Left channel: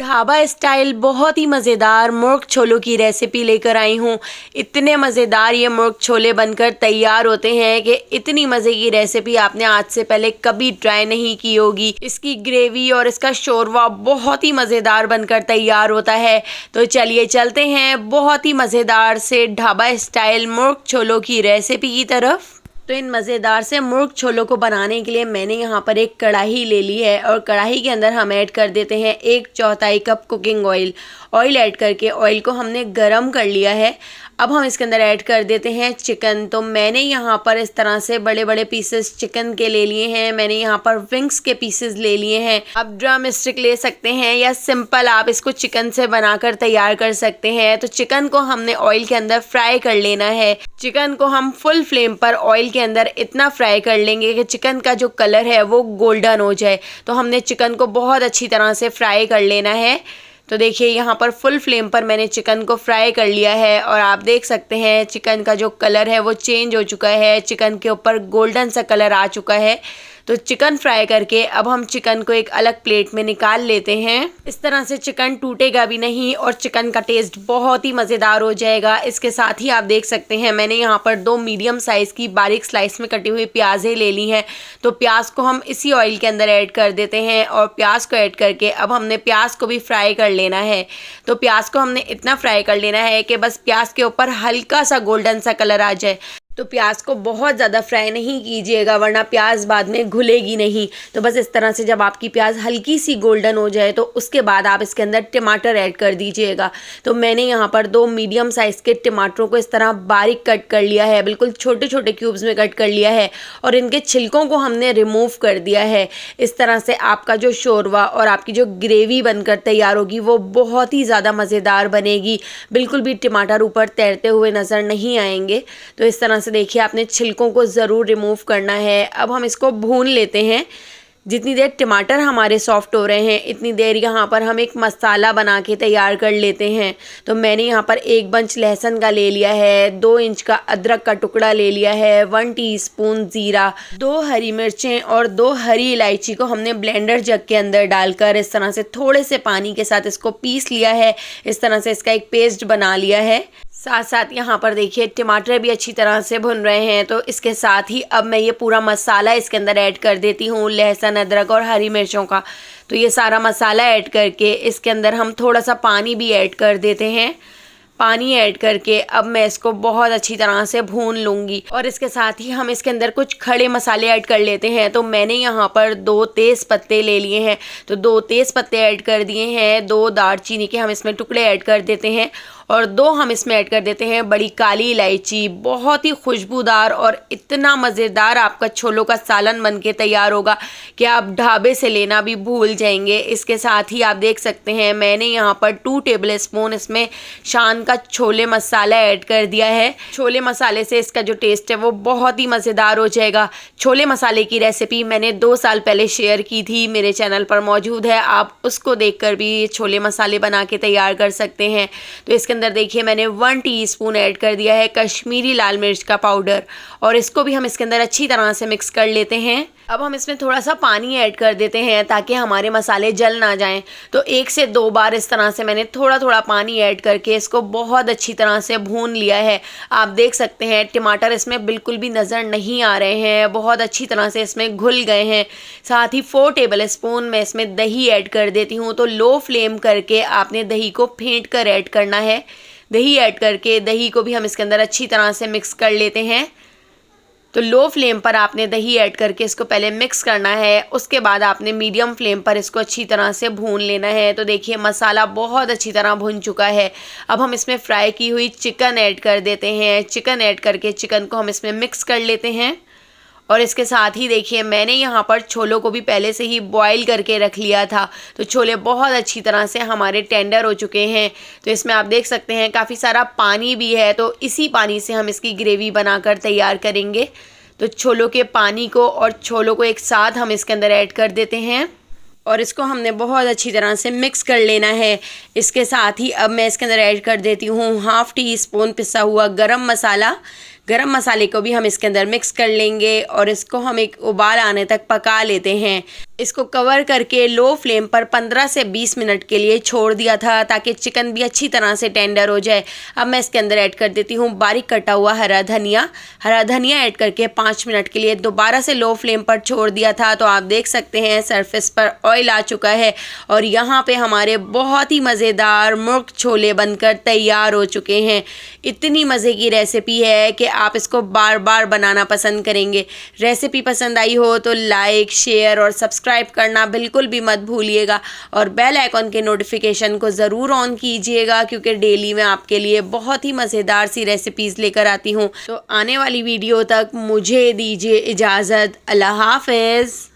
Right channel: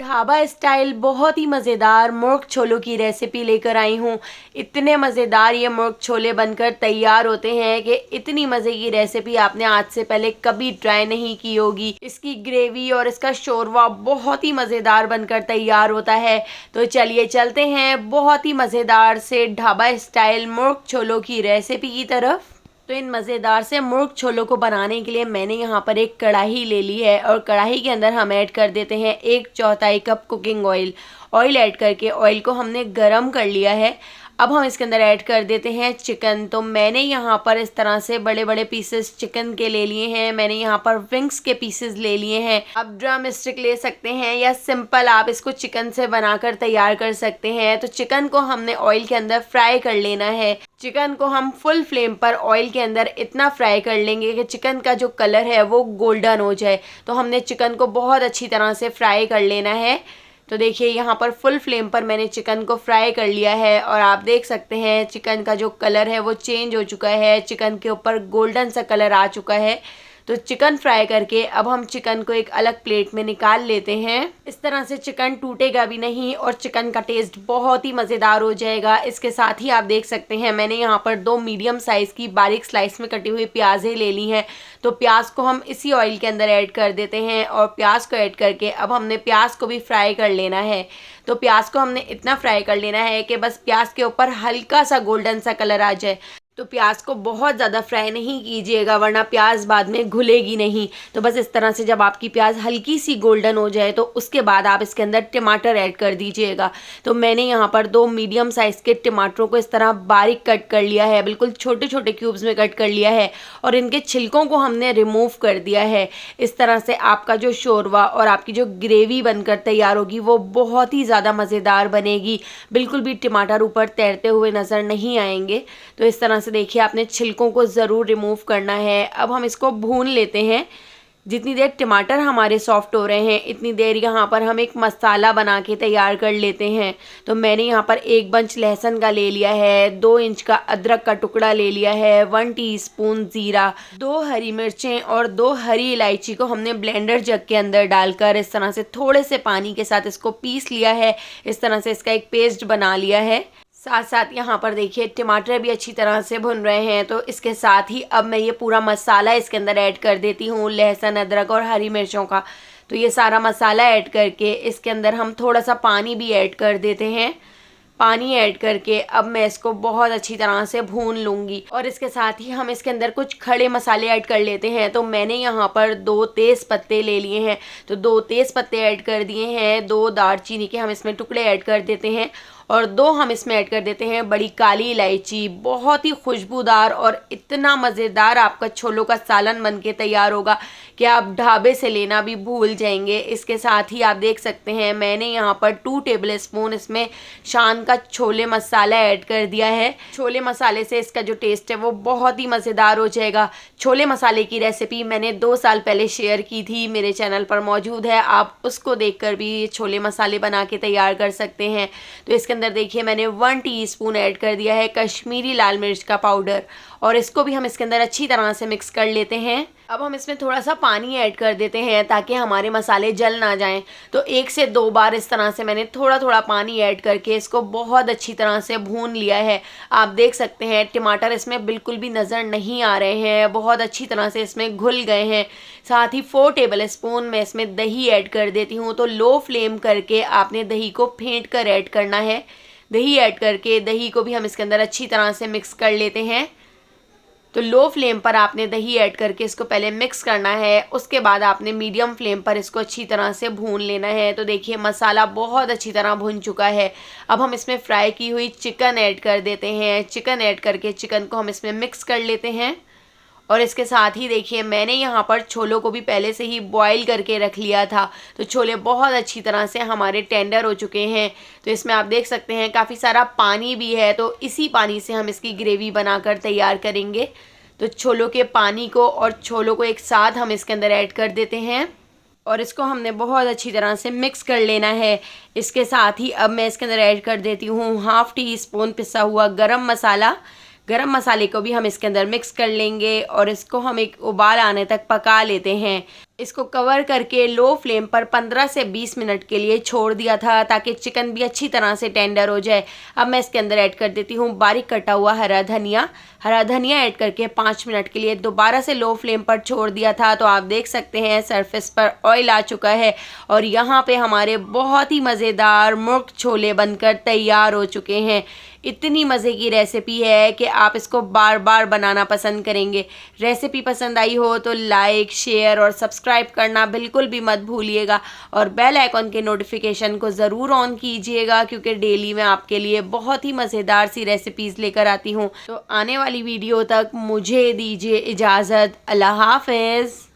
Dhaba style बहुत ही मज़ेदार मुर्ग छोलों की रेसिपी लेकर आई हूँ। इतने मज़ेदार ये मुर्ग छोले बनकर तैयार होते हैं कि इतनी मज़े की रेसिपी आपने आज से पहले कभी ट्राई नहीं की होगी। इसकी ग्रेवी और इसका शोरवा बहुत ही मज़ेदार बनकर तैयार होता है। तो चलिए चलते हैं बहुत ही मज़ेदार से ढाबा स्टाइल मुर्ग छोलों की रेसिपी की तरफ। तो इन मज़ेदार से मुर्ग छोलों को बनाने के लिए मैंने यहाँ पर एक कढ़ाई ले ली है और कढ़ाई के अंदर हम ऐड कर देते हैं 1/4 cup cooking oil. Oil add करके ऑयल को हमने गरम कर लिया है। अब हम इसके अंदर ऐड कर देते हैं चिकन। तो मैंने यहाँ पर इस तरह से बड़े बड़े पीसेस चिकन के ले लिए हैं। मैंने यहाँ पर विंग्स के पीसेस ले लिए हैं। अब ड्रम स्टिक ले सकते हैं या सिंपल आप इसको चिकन से बनाकर तैयार कर सकते हैं। तो चिकन को हमने ऑयल के अंदर फ्राई कर लेना है। चिकन को हम फुल फ्लेम पर ऑयल के अंदर इतना फ्राई कर लेंगे कि चिकन का जो कलर है वो गोल्डन हो जाए। तो हमने चिकन को बहुत अच्छी तरह से फ्राई कर लेना है। तो देखिए यहाँ पर फुल फ्लेम पर मैंने चिकन को फ्राई कर लिया है और आप देख सकते हैं चिकन का जो कलर है वो चेंज हो चुका है। चिकन के ऊपर गोल्डन सा कलर आ चुका है। तो चिकन फ्राई करके अब हम चिकन को एक अलग प्लेट में निकाल लेते हैं। इस तरह से चिकन टूटेगा भी नहीं और चिकन का टेस्ट बहुत ही मज़ेदार हो जाएगा। इसके साथ ही आप देख सकते हैं मैंने यहाँ पर 2 मीडियम साइज़ की बारीक स्लाइस में कटी हुई प्याज़ें ले ली हैं। तो प्याज को हम इसी ऑयल के अंदर ऐड कर देते हैं और प्याज को ऐड करके अब हमने प्याज को भी फ्राई कर लेना है। तो प्याज को हमने इतना फ्राई कर लेना है कि बस प्याज के ऊपर हल्का सा गोल्डन सा कलर आ जाए। तो प्याज को बहुत ज़्यादा फ्राई नहीं कीजिएगा वरना प्याज बाद में घुलेगी नहीं। तो बस इस तरह से जब आपकी प्याज हल्की सी गोल्डन हो जाए तो उसके बाद आप इसके अंदर टमाटर ऐड कर दीजिएगा। तो मैंने यहाँ पर 2 मीडियम साइज़ के टमाटरों को इस तरह बारीक कट कर लिया है, बिल्कुल छोटे छोटे क्यूब्स में कट कर लिया है और इनके छिलकों को हमने रिमूव कर दिया है। इस तरह से आपका जो शोरवा और आपकी जो ग्रेवी बनकर तैयार होगी वो बहुत ही ज़्यादा मज़ेदार बनेगी। बिल्कुल भी टमाटर ऊपर तैरते हुए नज़र नहीं आएंगे। तो इस तरह से देखिए आपने छिलकों को ज़रूर रिमूव करना है। अब हम इसको भून लेते हैं। जितनी देर टमाटर हमारे सॉफ्ट हो रहे हैं इतनी देर यहाँ पर हम एक मसाला बना के तैयार कर लेते हैं। तो मैंने यहाँ पर 1 बंच लहसुन का ले लिया है, 2 इंच का अदरक का टुकड़ा ले लिया है, 1 टीस्पून ज़ीरा, 2 हरी मिर्चें और 2 हरी इलायची को हमने ब्लेंडर जग के अंदर डालकर इस तरह से थोड़े से पानी के साथ इसको पीस लिया है। इस तरह से इसका एक पेस्ट बना लिया है। साथ साथ यहाँ पर देखिए टमाटर भी अच्छी तरह से भुन रहे हैं। तो इसके साथ ही अब मैं ये पूरा मसाला इसके अंदर ऐड कर देती हूँ, लहसुन अदरक और हरी मिर्चों का। तो ये सारा मसाला ऐड करके इसके अंदर हम थोड़ा सा पानी भी ऐड कर देते हैं। पानी ऐड करके अब मैं इसको बहुत अच्छी तरह से भून लूँगी और इसके साथ ही हम इसके अंदर कुछ खड़े मसाले ऐड कर लेते हैं। तो मैंने यहाँ पर 2 तेज़ पत्ते ले लिए हैं। तो 2 तेज़ पत्ते ऐड कर दिए हैं। 2 दालचीनी के हम इसमें टुकड़े ऐड कर देते हैं और 2 हम इसमें ऐड कर देते हैं बड़ी काली इलायची। बहुत ही खुशबूदार और इतना मज़ेदार आपका छोलों का सालन बन के तैयार होगा कि आप ढाबे से लेना भी भूल जाएंगे। इसके साथ ही आप देख सकते हैं मैंने यहाँ पर 2 टेबल स्पून इसमें शान का छोले मसाला ऐड कर दिया है। छोले मसाले से इसका जो टेस्ट है वो बहुत ही मज़ेदार हो जाएगा। छोले मसाले की रेसिपी मैंने 2 साल पहले शेयर की थी, मेरे चैनल पर मौजूद है, आप उसको देखकर भी छोले मसाले बना के तैयार कर सकते हैं। तो इसके अंदर देखिए मैंने 1 टीस्पून ऐड कर दिया है कश्मीरी लाल मिर्च का पाउडर और इसको भी हम इसके अंदर अच्छी तरह से मिक्स कर लेते हैं। अब हम इसमें थोड़ा सा पानी ऐड कर देते हैं ताकि हमारे मसाले जल ना जाएं। तो 1 से 2 बार इस तरह से मैंने थोड़ा थोड़ा पानी ऐड करके इसको बहुत अच्छी तरह से भून लिया है। आप देख सकते हैं टमाटर इसमें बिल्कुल भी नज़र नहीं आ रहे हैं, बहुत अच्छी तरह से इसमें घुल गए हैं। साथ ही 4 टेबल स्पून मैं इसमें दही ऐड कर देती हूँ। तो लो फ्लेम करके आपने दही को फेंट कर ऐड करना है। दही ऐड करके दही को भी हम इसके अंदर अच्छी तरह से मिक्स कर लेते हैं। तो लो फ्लेम पर आपने दही ऐड करके इसको पहले मिक्स करना है, उसके बाद आपने मीडियम फ्लेम पर इसको अच्छी तरह से भून लेना है। तो देखिए मसाला बहुत अच्छी तरह भुन चुका है। अब हम इसमें फ्राई की हुई चिकन ऐड कर देते हैं। चिकन ऐड करके चिकन को हम इसमें मिक्स कर लेते हैं और इसके साथ ही देखिए मैंने यहाँ पर छोलों को भी पहले से ही बॉईल करके रख लिया था। तो छोले बहुत अच्छी तरह से हमारे टेंडर हो चुके हैं। तो इसमें आप देख सकते हैं काफ़ी सारा पानी भी है। तो इसी पानी से हम इसकी ग्रेवी बनाकर तैयार करेंगे। तो छोलों के पानी को और छोलों को एक साथ हम इसके अंदर ऐड कर देते हैं और इसको हमने बहुत अच्छी तरह से मिक्स कर लेना है। इसके साथ ही अब मैं इसके अंदर ऐड कर देती हूँ 1/2 टीस्पून पिसा हुआ गरम मसाला। गरम मसाले को भी हम इसके अंदर मिक्स कर लेंगे और इसको हम एक उबाल आने तक पका लेते हैं। इसको कवर करके लो फ्लेम पर 15 से 20 मिनट के लिए छोड़ दिया था ताकि चिकन भी अच्छी तरह से टेंडर हो जाए। अब मैं इसके अंदर ऐड कर देती हूँ बारीक कटा हुआ हरा धनिया। हरा धनिया ऐड करके 5 मिनट के लिए दोबारा से लो फ्लेम पर छोड़ दिया था। तो आप देख सकते हैं सरफेस पर ऑयल आ चुका है और यहाँ पे हमारे बहुत ही मज़ेदार मुर्ग छोले बनकर तैयार हो चुके हैं। इतनी मज़े की रेसिपी है कि आप इसको बार बार बनाना पसंद करेंगे। रेसिपी पसंद आई हो तो लाइक, शेयर और सब्सक्राइब करना बिल्कुल भी मत भूलिएगा और बेल आइकॉन के नोटिफिकेशन को ज़रूर ऑन कीजिएगा क्योंकि डेली मैं आपके लिए बहुत ही मज़ेदार सी रेसिपीज़ लेकर आती हूँ। तो आने वाली वीडियो तक मुझे दीजिए इजाज़त। अल्लाह हाफ़िज़।